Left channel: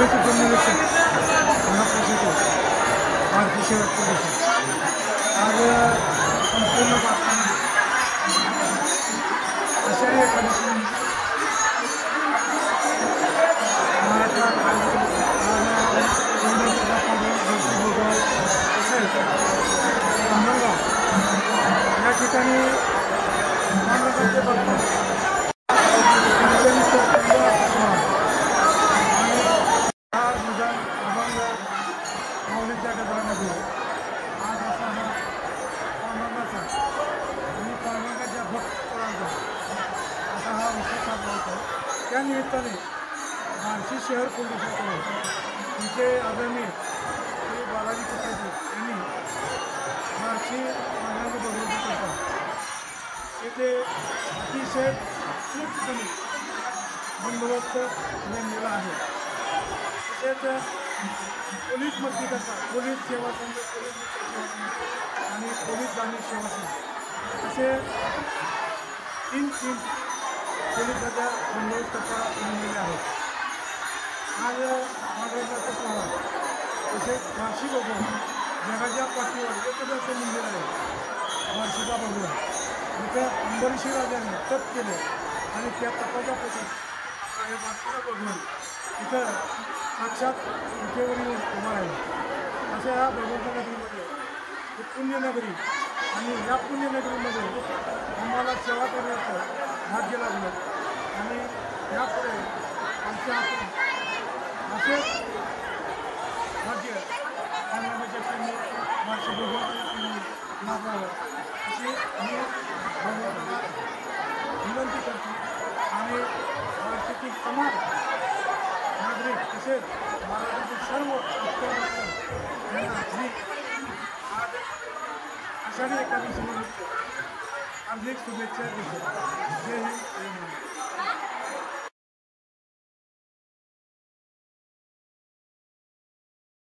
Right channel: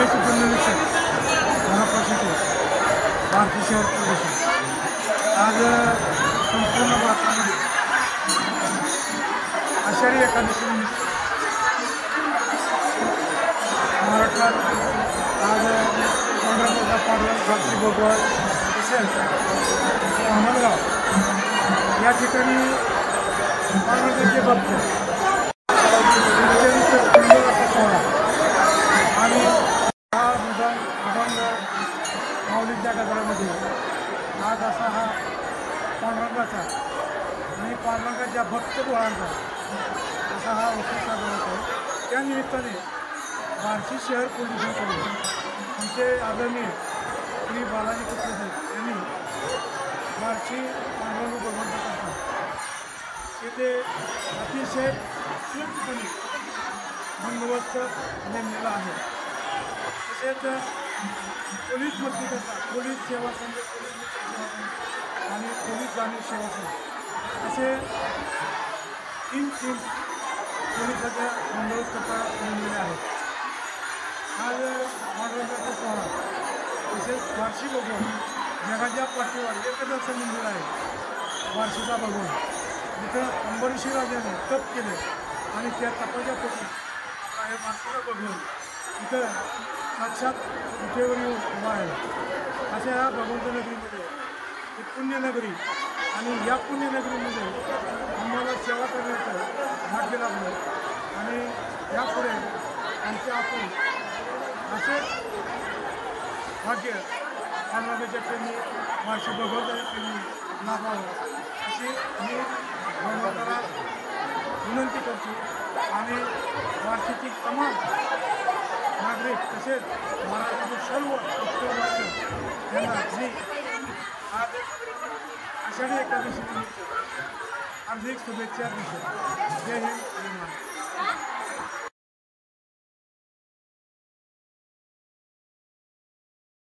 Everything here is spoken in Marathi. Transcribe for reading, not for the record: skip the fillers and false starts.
पोलीस उपनिरीक्षक गणपत शेटे बार्शी शहर पोलीस आज संपूर्ण भारतामध्ये आषाढी एकादशीनिमित्त महाराष्ट्रात आज पंढरपूरचा पांडुरंग भक्ती भगवत तसेच धामणगाव या ठिकाणी पांडुरंगाचे भक्त अत्यंत सुंदर असा सोहळा आणि टाळ मृदंग अभंग माऊलीच्या गजरामध्ये आज असा हा पांडुरंगाचा आणि पांडुरंगाच्या भक्त पोरांचा असा हा उत्सव साजरा होत आहे। त्या निमित्ताने बार्शी शहर पोलिसांकडून आमचे आदरणीय श्री बालाजी कुत्रे साहेब यांनी बार्शी पांडुरंग भगवंताकरता येथे अतिशय चोखपणे बंदोबस्त नेमलेला आहे। तसेच पोलीस मदतीकरता पोलीस सेवा संघ, पोलीस मित्र सेवा संघ आणि पोलीस गाणी सेवा संघ असे तीन पोलिसाच्या बंदोबस्तकरता नेमलेले आहेत। आज पांडुरंगाचा सोहळा तसेच बार्शी भगवान जगाच्या पाठीवर एकच असं मंदिर आहे बार्शीचा भगवान, जिथं अंबरीशी राजाने तप केले आणि त्या तपाच्या पोटी आपला हे बार्शीचा भगवान इथं साक्षात विटेवर येऊन उभा राहिला। अशा ह्या भगवंत नगरीमध्ये ही पुण्यनगरी आणि या पुण्यनगरीमध्ये आम्हाला सेवा करण्याचं भाग्य लाभलं आणि यापुढे आमच्या हातून असेच भाग्य पांडुरंगाच्या प्रेमी बार्शी भगवंताच्या प्रेमी लाभावं अशी मी भगवंताला विनंती करतो आणि बार्शीतील तमाम नागरिक तसेच महाराष्ट्रातील सर्व उत्तर भक्त यांना मी आज आषाढी एकादशी निमित्त हार्दिक शुभेच्छा देतो। जय हिंद, जय महाराष्ट्र।